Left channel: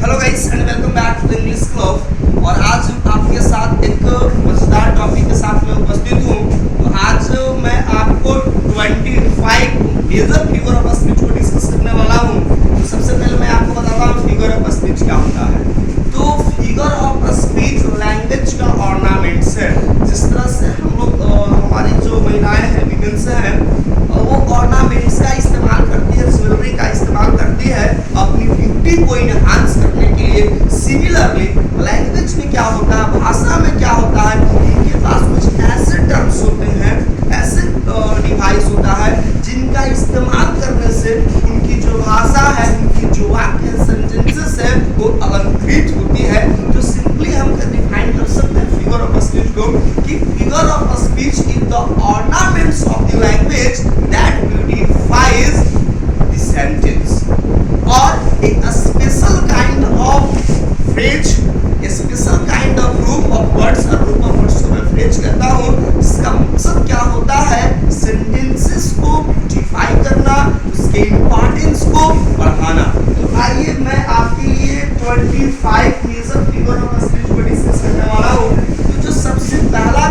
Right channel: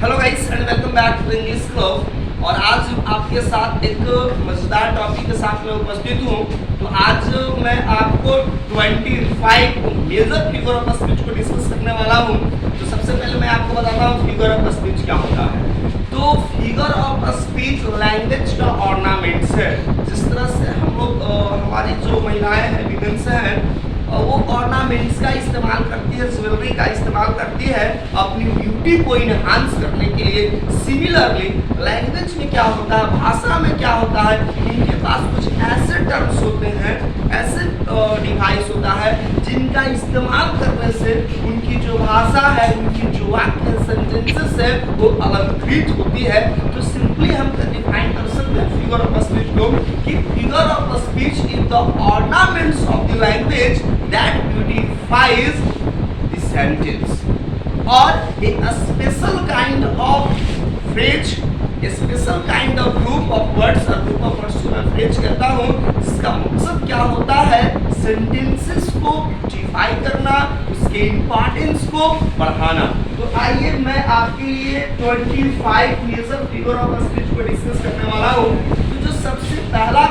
Hello guys and welcome back to the English club. और आज आपके साथ एक मजेदार टॉपिक के साथ मैं उपस्थित हूँ। तो आज मैं आपको 25 मेजर फिगर ऑफ स्पीच को डिस्कस करने वाला हूँ। तो सबसे पहले मैं आपको बताता हूँ फिगर ऑफ स्पीच क्या होता है। तो फिगर ऑफ स्पीच लैंग्वेज का ऑर्नामेंट्स है। जिस तरह से हम लोग हमारी जो महिलाएं हैं, विमेंस हैं, वो ऑर्नामेंट्स का इस्तेमाल करती है, ज्वेलरी का इस्तेमाल करती है अपनी ब्यूटी को इनहांस करने के लिए। सिमिलरली लैंग्वेज में क्या होता है, भाषा में क्या होता है, इनके पास कुछ ऐसे टर्म्स होते हैं, ऐसे डिवाइस होता है जिनका इस्तेमाल करने से उनकी जो भाषा है, उनकी जो वाक्य सेंटेंसेस है वो अलंकृत होती है। तो सिंपली हम डिफाइन कर सकते हैं फिगर ऑफ स्पीच को कि figure of speech is the ornaments of the language that beautifies the sentence और a special kind of phrase, a special kind of group of words और group of words को मैं phrase कहता हूँ, जिसका मकसद क्या होता है, सेंटेंसेस को ब्यूटिफाई करना, उसके इम्पोर्टेंस को बढ़ाना। तो आइए मैं आपके लिए 25 मेजर फिगर ऑफ स्पीच को डिस्कस करने वाला हूँ। तो जो सबसे पहला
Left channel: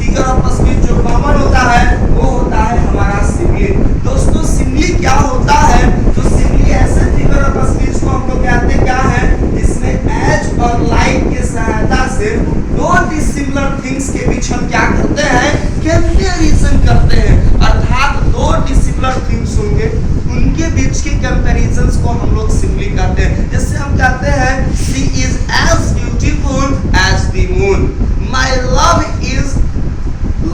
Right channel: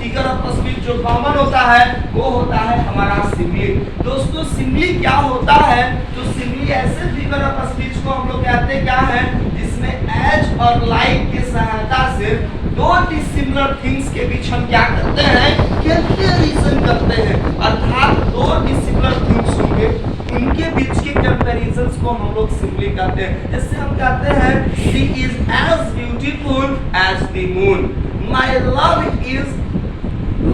फिगर ऑफ स्पीच जो कॉमन होता है वो होता है हमारा सिमिली। दोस्तों सिमिली क्या होता है, तो सिमिली ऐसे फिगर ऑफ स्पीच को हम लोग कहते हैं क्या है, जिसमें एज और लाइक की सहायता से दो डिसिमिलर थिंग्स के बीच हम क्या करते हैं, कंपैरिजन करते हैं। अर्थात दो डिसिमिलर थिंग्स होंगे, उनके बीच के कंपैरिजंस को हम लोग सिमिली कहते हैं। जैसे हम कहते हैं she is as beautiful as the moon, my love is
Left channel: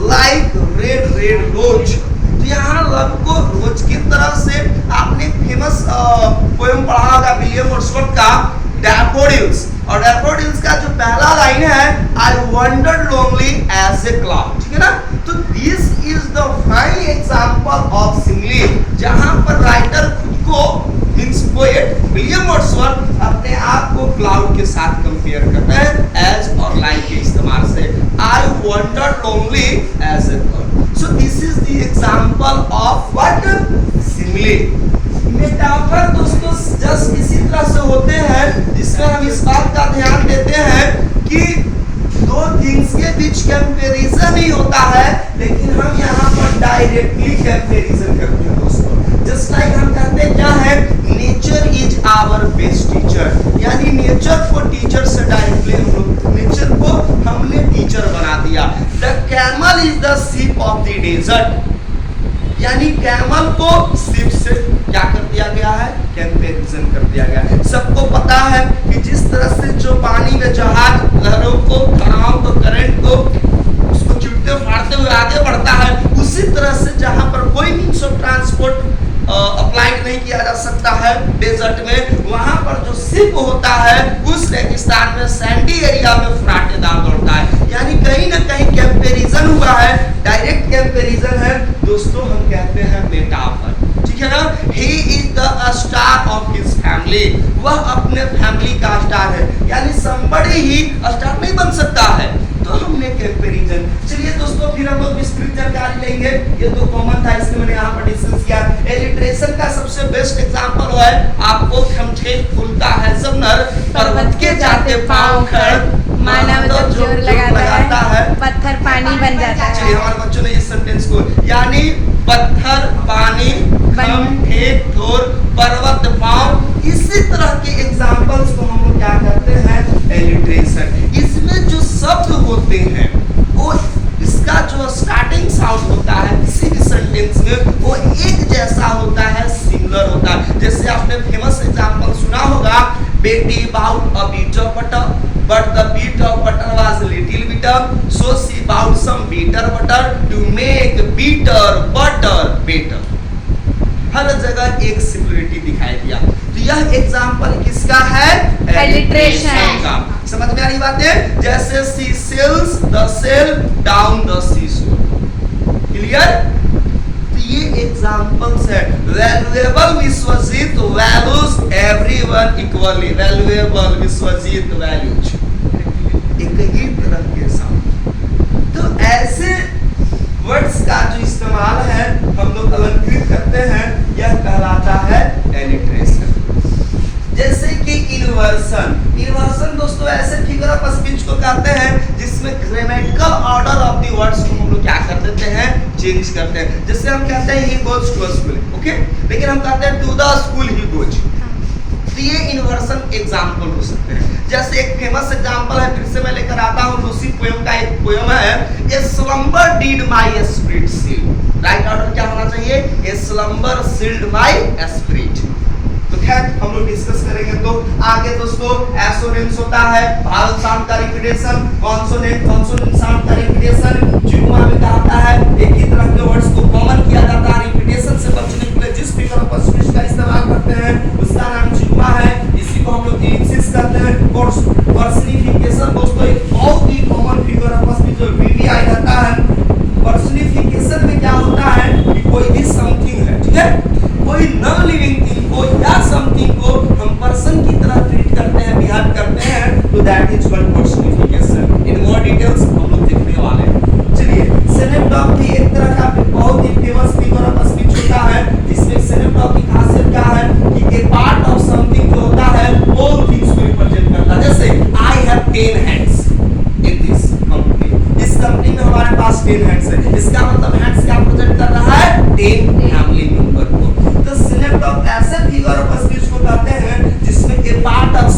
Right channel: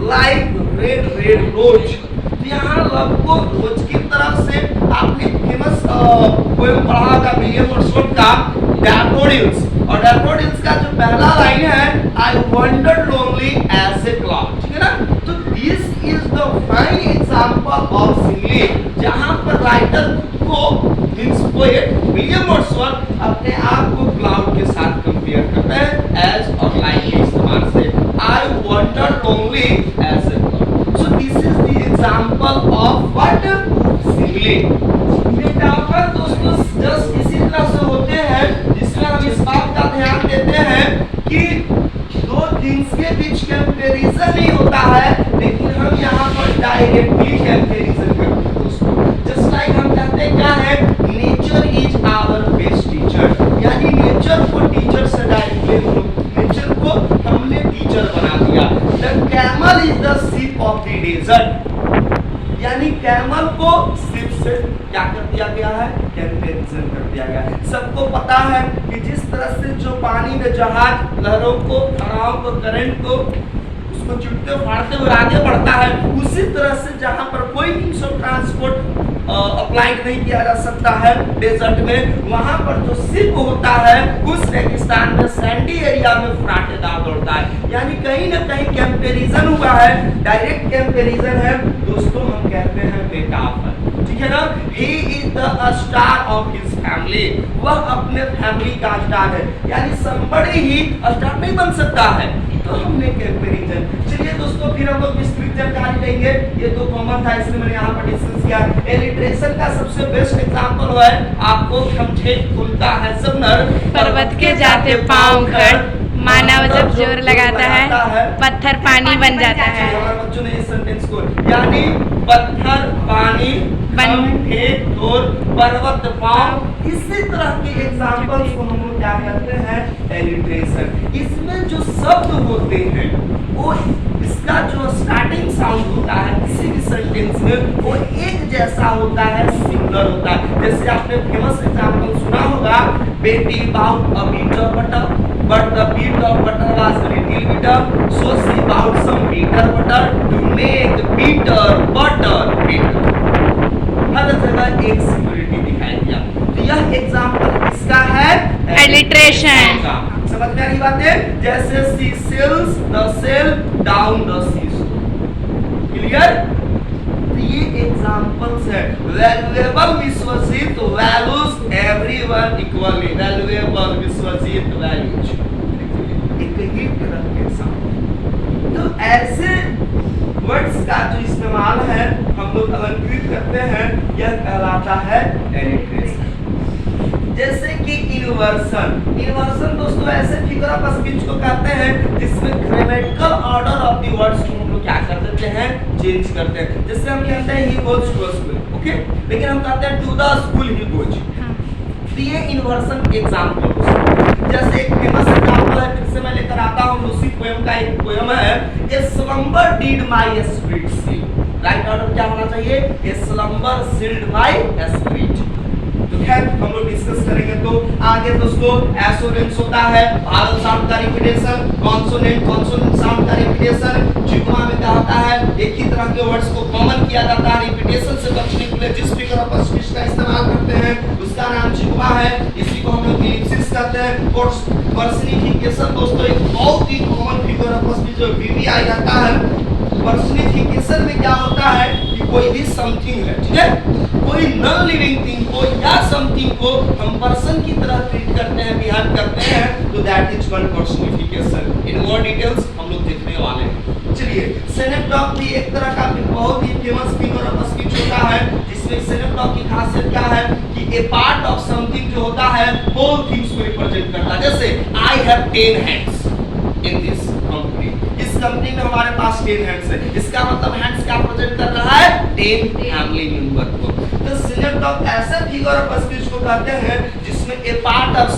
like red red rose. तो यहाँ लव को रोज की तरह से आपने फेमस पोएम पढ़ा होगा विलियम वर्ड्सवर्थ का डैफोडिल्स, और डैफोडिल्स का जो पहला लाइन है I wandered lonely as a cloud, ठीक है ना। तो this is the fine example of simile, जहां पर राइटर खुद को मींस पोएट विलियम वर्ड्सवर्थ अपने आप को क्लाउड के साथ कंपेयर करते हैं एज और लाइक के इस्तेमाल से। I wandered lonely as a cloud. So this is the example of what, simile. Metaphor दोस्तों जस्ट इसी तरह से होते हैं जिसमें हम इस बात का ध्यान देते हैं कि दो थिंग्स के बीच कंपैरिजन ही होता है, लेकिन हम यहाँ पर डायरेक्टली कंपैरिजन करते हैं दोस्तों। जस्ट लाइक हम कहते हैं क्या है, nature is our best teacher, यानी नेचर को टीचर से डायरेक्टली हम लोग नेचर को हमने टीचर बना दिया। The camel is the sheep of the desert, यानी कैमल को शिप से क्या कर दिया गया है, कंपैरिजन कर दिया गया है। सबको पता है कि जिस तरह से जो पानी में जहाज लहरों को, धाराओं को, करंट को उसको चुटते फाड़ते हुए आगे बढ़ता है, उसी तरह से जहां पर कोई मींस ऑफ ट्रांसपोर्ट अप्लाइड नहीं किया जा सकता है डेजर्ट में, वहां पर जो शिप होता है उस रेगिस्तान में, सैंडी एरिया में फराटेदार दौड़ता है। यानी कहीं ना कहीं कंपैरिजन हुआ है, डायरेक्ट कंपैरिजन है दोस्तों, हम कहते हैं मेटाफर, ठीक है ना। He is the star of his family, वह अपने फैमिली का स्टार है, यानी somebody ही स्टार नहीं बन सकता है, तो हमने कंपैरिजन। चलिए दोस्तों फिर हम लोग विस्तृत जानकारी लेंगे। ये तो कॉमन था इसलिए मैंने यहाँ पर डिस्कस किया। एलिट्रेशन का सबसे बेस्ट एग्जांपल है आपको खमठेक फूलता है सब नर, पर्वत के जाते पांव खड़, मानव जब जोर लगाता है पत्थर पानी बन जाता है। हमारे बच्चों ने इस सेंटेंस को, यानी पत्थर पानी, खमठेक ठोर, पर्वत पांव, इसी तरह के एग्जांपल्स को हम लोग क्या कहते हैं, एलिट्रेशन। इसमें जो शब्द होते हैं वो इसका जो स्टार्टिंग साउंड होता है किसी भी सेंटेंस में वो एक जैसा होता है, सिमिलर होता है। जैसे आपने फेमस एग्जांपल सुना होगा, Betty bought a beat of butter but the beat of butter was little bitter, so she bought some bitter butter to make bitter butter bitter। हर जगह एक सिमिलरिटी दिखाई दिया। तो यह एग्जांपल किसका है, एलिट्रेशन का। समझ में आ रही बात है, जैसे she sails the sail down the seashore, clear. ये एग्जांपल्स है। Valuable Vishwajit values everyone equally, valuable Vishwajit values एक ही तरह के साथ। तो ऐसे वर्ड्स का जो इस्तेमाल है हम लोग अलंकृत करते हैं, यह कहलाता है एलिट्रेशन। जैसे कि इन्वर्सन दोस्तों ऐसे फिगर ऑफ स्पीच को कहते हैं जिसमें grammatical order of the words को हम लोग क्या कर देते हैं, चेंज करते हैं। जैसे हम कहते हैं he goes to school, okay, लेकिन हम कहते हैं to the school he goes. तो ये इन्वर्सन एग्जाम्पल हो सकता है। जैसे एक फेमस एग्जाम्पल है, फिर से मैं लेकर आता हूँ, लूसी पोएम का एक पोएम है, a slumber did my spirit seal. Right order क्या होना चाहिए, a slumber sealed my spirit. तो खैर हम लोग डिस्कस करेंगे। तो आगे दोस्तों एसोनेंस होता है, वावल साउंड का रिपीटेशन, कॉन्सोनेंट साउंड का रिपीटेशन। जिग्मा में क्या होता है, एक ही तरह के वर्ड्स को कॉमन किया जाता है, रिपीटेशन से बचने के लिए जिस फिगर ऑफ स्पीच का इस्तेमाल करते हैं उसका नाम जिग्मा है। इसी को हम लोग इलिप्सिस कहते हैं। पर्सनिफिकेशन दोस्तों एक बहुत ही कॉमन फिगर ऑफ स्पीच जो वीवीआई रहता है। पर्सनिफिकेशन में क्या होता है कि कोई भी समथिंग है, ठीक है, कोई नॉन लिविंग थिंग को या समथिंग को हम पर्सन की तरह ट्रीट करते हैं, बिहेव करते हैं, तो that is one personification. In more details हम लोग देखने वाले हैं। चलिए, सिनेप्टॉक भी एक तरह का बहुत ही फेमस फिगर ऑफ स्पीच होता है, जिसमें सिनेप्टॉक की खासियत क्या है कि ए पार्ट ऑफ समथिंग जो होता है वो थिंग्स को रिप्रेजेंट करता है। जैसे I have 10 hands in this company, इस कंपनी में हमारे पास 10 हैंड्स है। इसका मतलब हैंड्स क्या प्रेजेंट कर रहा है, 10 फैमिली मेंबर को। तो सिनेप्टॉक ऐसे फिगर ऑफ स्पीच को कहते हैं जिसमें ए पार्ट ऑफ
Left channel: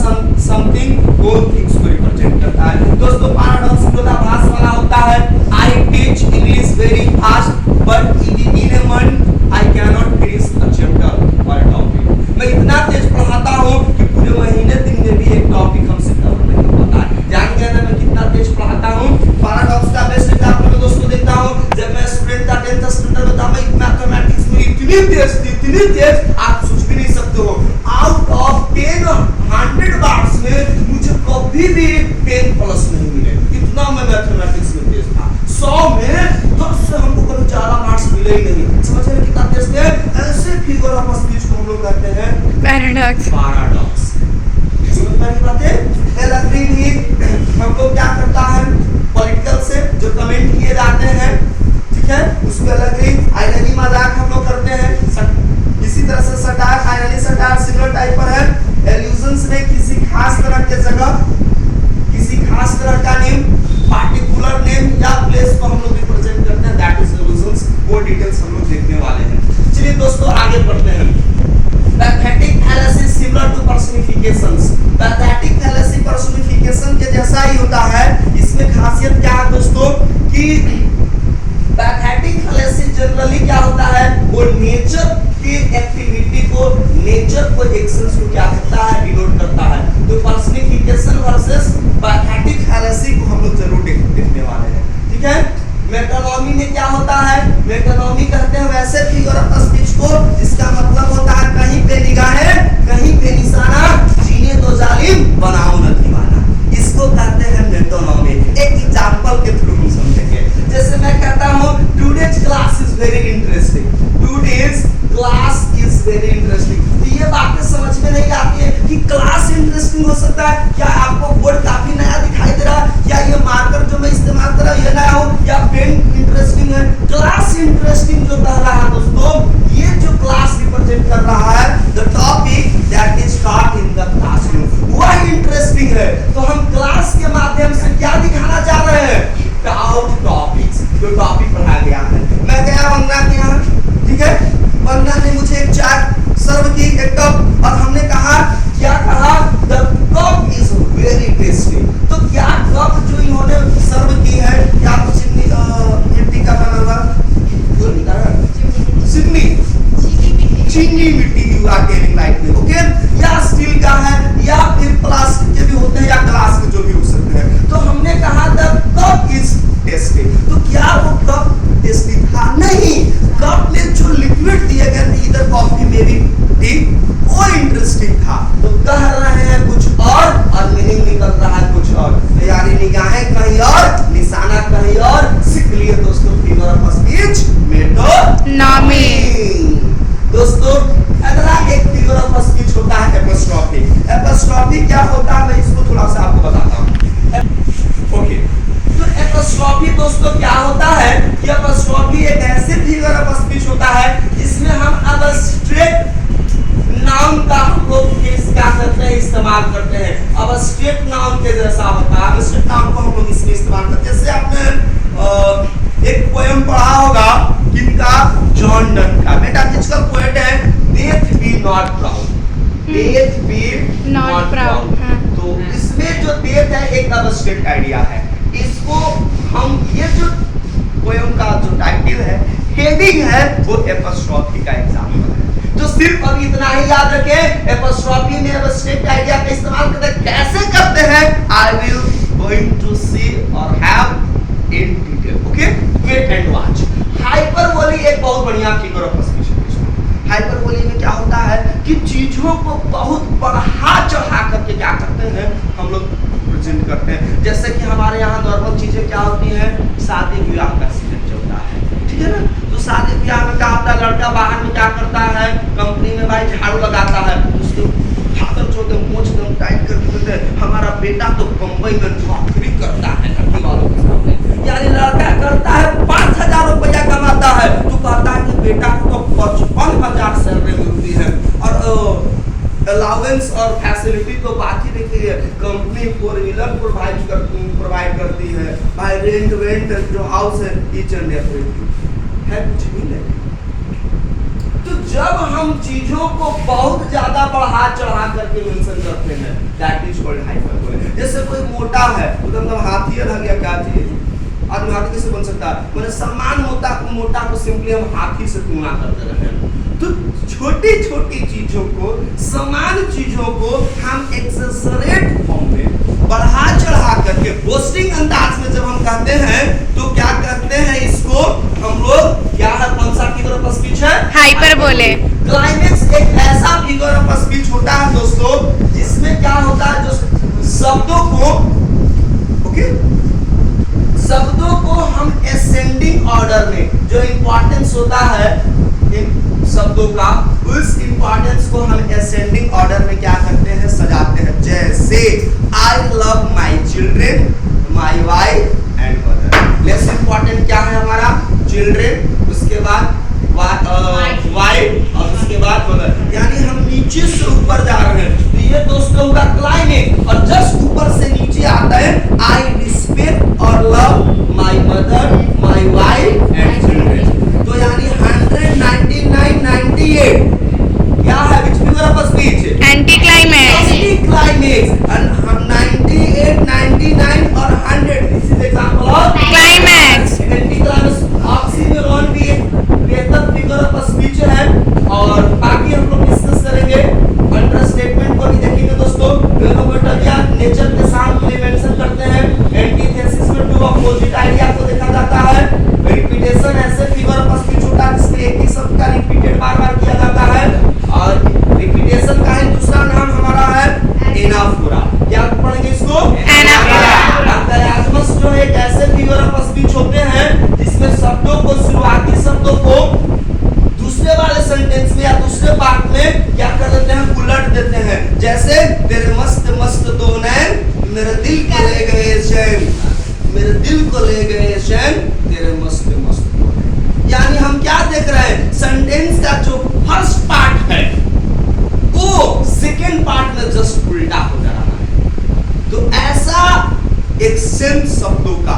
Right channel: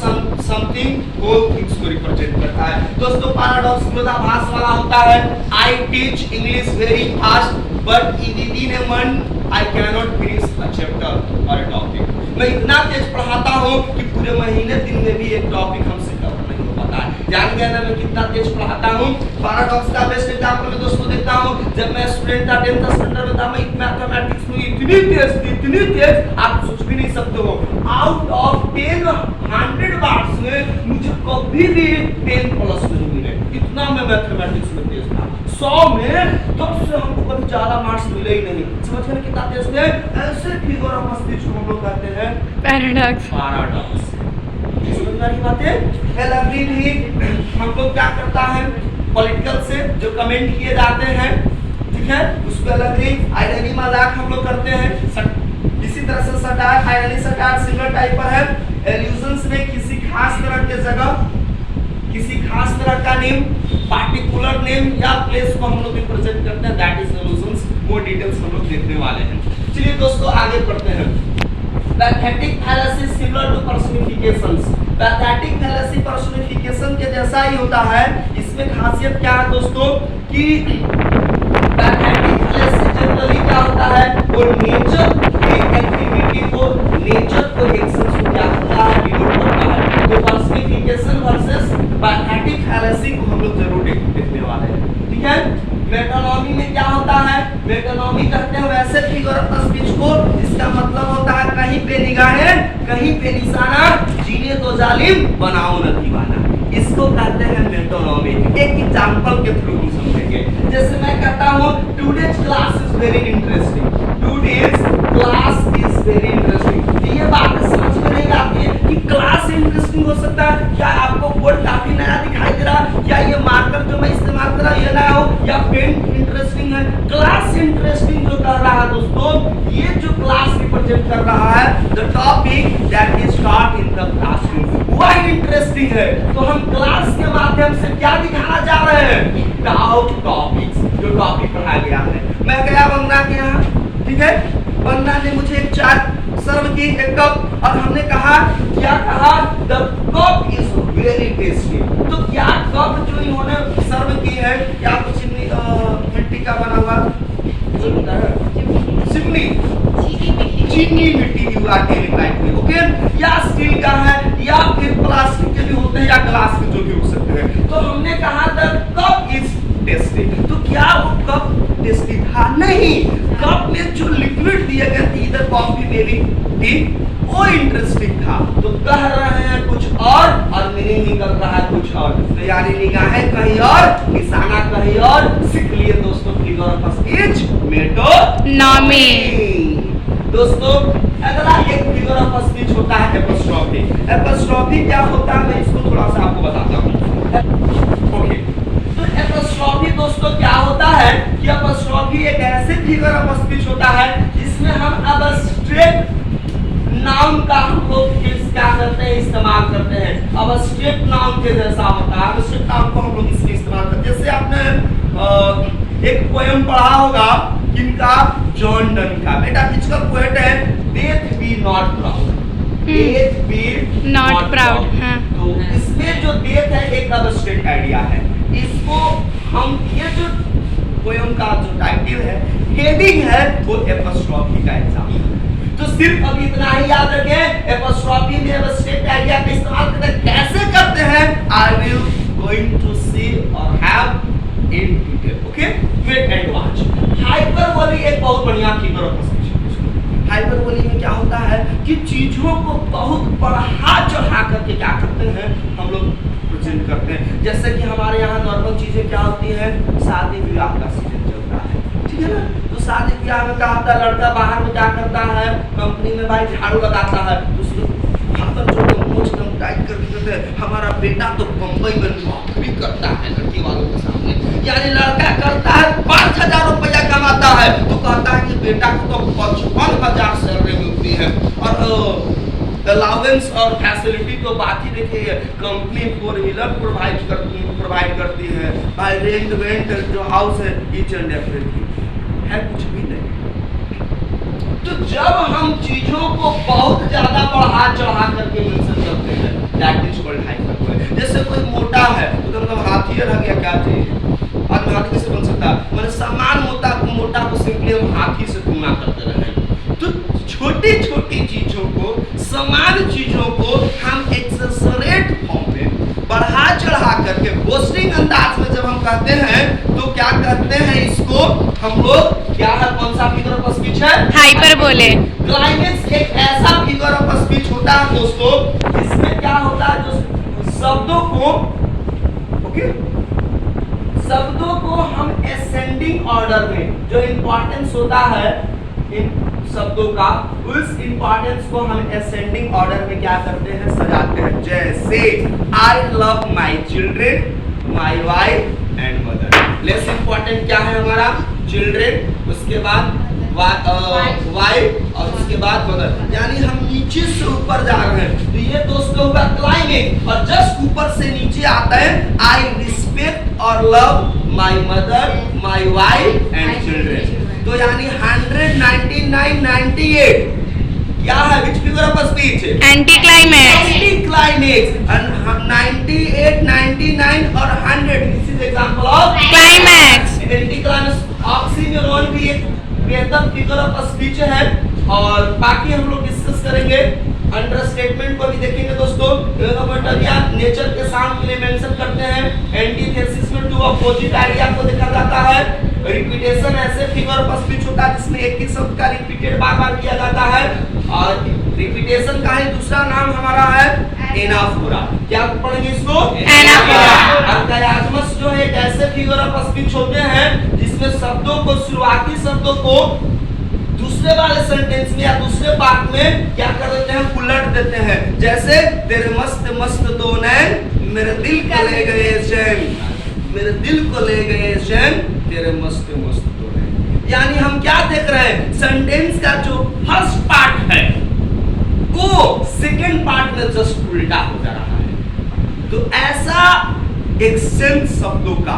समथिंग वो थिंग्स को रिप्रेजेंट करता है। दोस्तों पैराडॉक्स विरोधाभास वाला होता है। I teach English very fast but within a month I can not finish a chapter और अ टॉपिक। मैं इतना तेज पढ़ाता हूँ कि पूरे महीने दिन में भी एक टॉपिक हमसे कवर नहीं हो पाता है। जान गए ना मैं कितना तेज पढ़ाता हूँ। पैराडॉक्स का बेस्ट एग्जांपल मैं दोस्तों देता हूँ। जब मैं स्टूडेंट था 10th स्टैंडर्ड में था, मैं मैथमेटिक्स में इतनी तेज आप सोच भी नहीं सकते हो। आउट ऑफ 10 100 बार्स में मुझे कभी भी 10 प्लस नहीं मिले, इतना मैं मैथमेटिक्स में तेज था। 100 में 10 से हमको कभी ज्यादा मार्क्स मिले ही नहीं। समझ रहे कितना तेज थे। ऐसे फिगर ऑफ स्पीच को हम लोग कहते हैं पैराडॉक्स। समझ में आई बातें। एलग्री भी हम लोग क्या करता है, पॉलिटिकल से जो कमेंट किए जाते हैं, ठीक है, उसको एलग्री आइरनी मजाक हम लोग करते हैं। इसी तरह से satire, irony satire similar type पर है। एल्यूजन्स में किसी खास तरह के जगह, किसी खास तरह का नेम, पार्टिकुलर नेम या प्लेस को हम लोग रिप्रेजेंट करते हैं, दैट इज एल्यूजन्स। वो डिटेल्स हम लोग देखने वाले हैं। चलिए दोस्तों आगे बढ़ते हैं। Pathetic fallacy similar to personifications. Pathetic fallacy personification के जैसा ही होता है। इसमें खासियत क्या है दोस्तों कि पैथेटिक फैलेसी जनरली क्या होता है, वो नेचर की एक्टिविटी को, नेचर को, एक्शंस को क्या करता है, डिनोट करता है। तो पर्सनिफिकेशन वर्सेस पैथेटिक फैलेसी को हम लोग जरूर देखने वाले हैं, ठीक है। मेटानॉमी में क्या होता है, मेटानॉमी कहते हैं वैसे फिगर ऑफ स्पीच को जिसका मतलब होता है कहीं पे निगाहें कहीं पे निशाना, जीने तो जालिम बनाओ न दीवाना। इसको कहते हैं मेटानॉमी। एक एग्जांपल के थ्रू हम समझेंगे। जैसे मैं कहता हूँ today's class is very interesting, today's class is very interesting. ये बातें समझ में नहीं आती है कि क्लास इंटरेस्टिंग हो सकता है। क्या आपको बोर्ड काफी नया दिखाई दे रहा है, या ये मार्कर जो मैं इस्तेमाल कर रहा हूँ ये नया हो, या पेन इंटरेस्टिंग है। क्लास इंटरेस्टिंग जो कह रहा है दोस्तों, ये जो क्लास रिप्रेजेंट कर रहा है, the topic that is taught in the classroom, वह इंटरेस्टिंग है। तो हम क्लास के माध्यम से क्या दिखाना चाह रहे हैं, टॉपिक्स, जो टॉपिक पढ़ाया गया है। मैं गया वंदना के यहाँ, ठीक है, वंदना ने मुझे एक चाय सर्व की, एक कप, और हमने कहा, क्या कहा, the cup is very tasty. तो क्या कप जो इन्होंने सर्व की है, क्या तो मिट्टी का बना हुआ, चिमनी, चीनी मिट्टी, यू आर टेलिंग राइट में, ओके, या स्टील का है, या फिर प्लास्टिक के भी होते हैं, या ग्लास के जो भी हो सकते हैं। तो हमने कहा द कप इज टेस्टी। तो क्या वो कप टेस्टी था? नहीं। कप में जो लिक्विड दिए गए थे, इधर कॉफी में भी टी, वो इंटरेस्टिंग था। तो कह रहे हैं कुछ और मीनिंग निकल रहा है कुछ और। तो यानी निगाहें कहीं और, निशाना कहीं और। सीख लिए दोस्तों फिगर ऑफ स्पीच मेटानॉमी। दोस्तों अगला एक फिगर ऑफ स्पीच होता है एपोस्ट्रोफी। एपोस्ट्रोफी क्या होता है, मैं इसको थोड़ा सा आपको बताता हूँ, ओके। तो एपोस्ट्रोफी दोस्तों क्या होता है कि एपोस्ट्रोफी एक ऐसे फिगर ऑफ स्पीच होता है जिसमें हम अब स्ट्रेट नाउन का हम लोग क्या करते हैं, इस्तेमाल करते हैं। अब स्ट्रिक्ट नाउन के जैसा होता है। स्ट्रिक्ट नाउन को हम लोग इसलिए इस्तेमाल करते हैं, जैसे आपने एक पोएम पढ़ा होगा किनका, जॉन डन का। बेटा इसका पोएट है, death B not proud, death B not proud. तो इसमें जो डेथ है एक अब्स्ट्रैक्ट आइडिया है। इसको हम ये जो पोएम का जो टाइटल है, हेडिंग है, वो एपोस्ट्रोफी का एग्जांपल है। तो सिर्फ अभी इतना ही याद रखें, एपोस्ट्रोफी में अब्स्ट्रैक्ट आइडिया का इस्तेमाल करते हैं। कैसे करते हैं, I will going to see और have in detail. Okay, wait and watch. Hyperbole एक बहुत बढ़िया फिगर ऑफ स्पीच है। हाइपरबोली में क्या होता है कि चीजों को बहुत बढ़ा चढ़ा करके क्या करते हैं, हम लोग प्रेजेंट करते हैं। जैसे कि हमारे यहाँ नॉर्मल चीजें क्या होती हैं, शादी विवाह का सीजन चलता है, ठीक है ना। तो शादी ब्याह में क्या होता है, लड़का बाहर में क्या करता है, कंपनी में भाई झाड़ू लगाता है, उसके खातर छोटे मूंछ एकदम टाइट कर देते हैं। हमारा बेटा तो बंबई में नौकरी करता है लड़की वालों के सामने, यानी लड़का करता है 5,000 रुपया कमाता है, तो कहता है कि बेटा को तो 55,000 सैलरी मिलती है, और अलाउंस और फैसिलिटी तो बात ही देखिए, कंपनी 4 व्हीलर प्रोवाइड करती है, भाई रेंट वेंट जो हाउस है, ईच एंड एवरीथिंग है, कुछ भी नहीं। तो जब हम चीजों को बहुत ज्यादा बढ़ा चढ़ा करके मेंशन करते हैं, दैट इज कॉल्ड हाइपरबोले। जैसे कोई मोटा है तो मतलब हाथी रह गया, क्या चीज, आदमी हाथी कैसे बन सकता है, मैंने समान मोटा को सिंपली हम हाथी से तुलना करते रहे। तो छोटी छोटी चीजों को, समान चीजों को हम एक्सेसरेट फॉर्म में बढ़ा चढ़ा करके बोस्टिंग अंदाज में जब हम कहते हैं, तो क्या करते हैं, इसको हम लोग क्या है, कौन सा फिगर ऑफ स्पीच है, हाइपरबोले। क्लाइमेक्स एक ऐसा फिगर ऑफ स्पीच होता है दोस्तों, जिसमें क्या होता है, जो शब्दों को, ओके, शब्दों को हम असेंडिंग ऑर्डर में, जो इंपॉर्टेंस होता है इन शब्दों का, उस इंपॉर्टेंस को हम असेंडिंग ऑर्डर में क्या करते हैं, सजाते हैं। जैसे I love my children, my wife and mother. Less important क्या है हमारा, चिल्ड्रेन, उसके बाद वाइफ और उसके बाद मदर, यानी हम नीचे से ऊपर जा रहे हैं। तो ये दोस्तों हुआ क्लाइमेक्स, और जस्ट ऊपर से नीचे आता है आई रिस्पेक्ट और love my mother, my wife and children. तो यानी 199, 98 क्या है, which figure of speech, anti climax. Anti climax. 98, 99 और 100, this is example of climax. Anti climax. Oxymoron भी एक बेहतर फिगर ऑफ स्पीच है, और बाकी हम लोग डिस्कस करेंगे। अंडरस्टेटमेंट को भी देखेंगे दोस्तों। ये तो बेटा क्या नेचर के सामने मेंशन करते हैं। एंटीथेसिस में टू अपोजिट आइडिया को देखा जाता है। रिपीटेशन ऐसे फिगर ऑफ स्पीच होता है जिसमें एक ही शब्द का रिपीटेड बार-बार किया जाता है, और रिपीटेशन का ही दूसरा नाम हमारा है एनाफोरा। क्या पढ़ेंगे इसको, एनाफोरा। अरकायाज्मस जो एक ऐसे फिगर ऑफ स्पीच होते हैं जिसमें शब्दों को, शुरुआती शब्दों को दूसरे वाले सेंटेंस में या दूसरे पार्ट में क्या कर देते हैं, उलट देते हैं। जैसे तेरे मस्त मस्त दो नैन मेरे दिल को ले गए चैन, मेरे दिल को ले गए चैन तेरे मस्त मस्त दो नैन। यानी हम क्या देख रहे हैं, सेंटेंस का जो फर्स्ट पार्ट है वो सेकेंड पार्ट में जस्ट उल्टा हो जा रहा है। तो ऐसा एक्सचेंज शब्दों का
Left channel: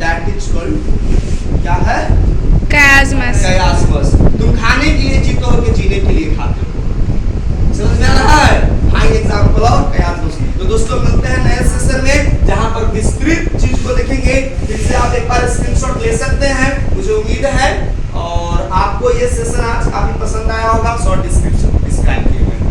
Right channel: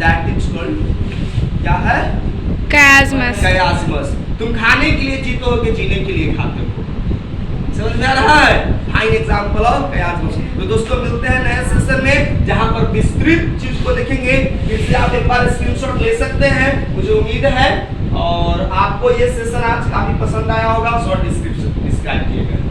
दैट इज कॉल्ड क्या है, कयाज्मस। कयाज्मस। तुम खाने के लिए जीते हो कि जीने के लिए खाते हो, समझ में आ रहा है, फाइन एग्जांपल ऑफ कयाज्मस। तो दोस्तों मिलते हैं नए सेशन में, जहां पर विस्तृत चीज को देखेंगे। फिर से आप एक बार स्क्रीनशॉट ले सकते हैं, मुझे उम्मीद है, और आपको ये सेशन आज काफी पसंद आया होगा। शॉर्ट डिस्क्रिप्शन डिस्क्राइब किए गए।